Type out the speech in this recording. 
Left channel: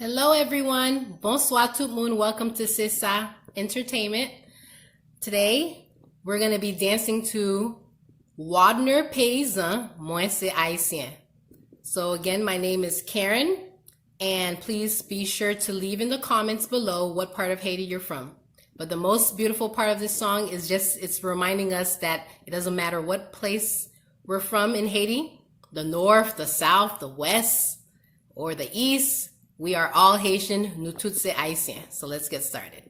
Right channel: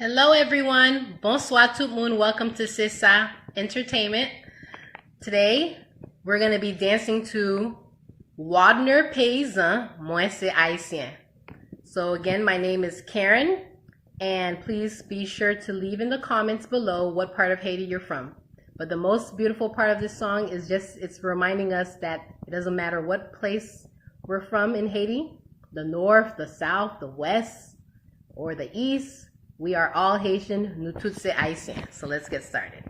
Hello everyone, bonsoir tout le monde, welcome to Sissa Entertainment. Today, we're going to be dancing to Wadner Peyizan, Mwen, Ayisyen. So again, my name is Karen, and please be sure to leave in the comments below what part of Haiti you're from. But the most beautiful part of this song is it's reminding us that it doesn't matter what place we're from in Haiti, the north, the south, the west, or the east, we are all Haitian, nous tous c'est Haïtien. So let's get started.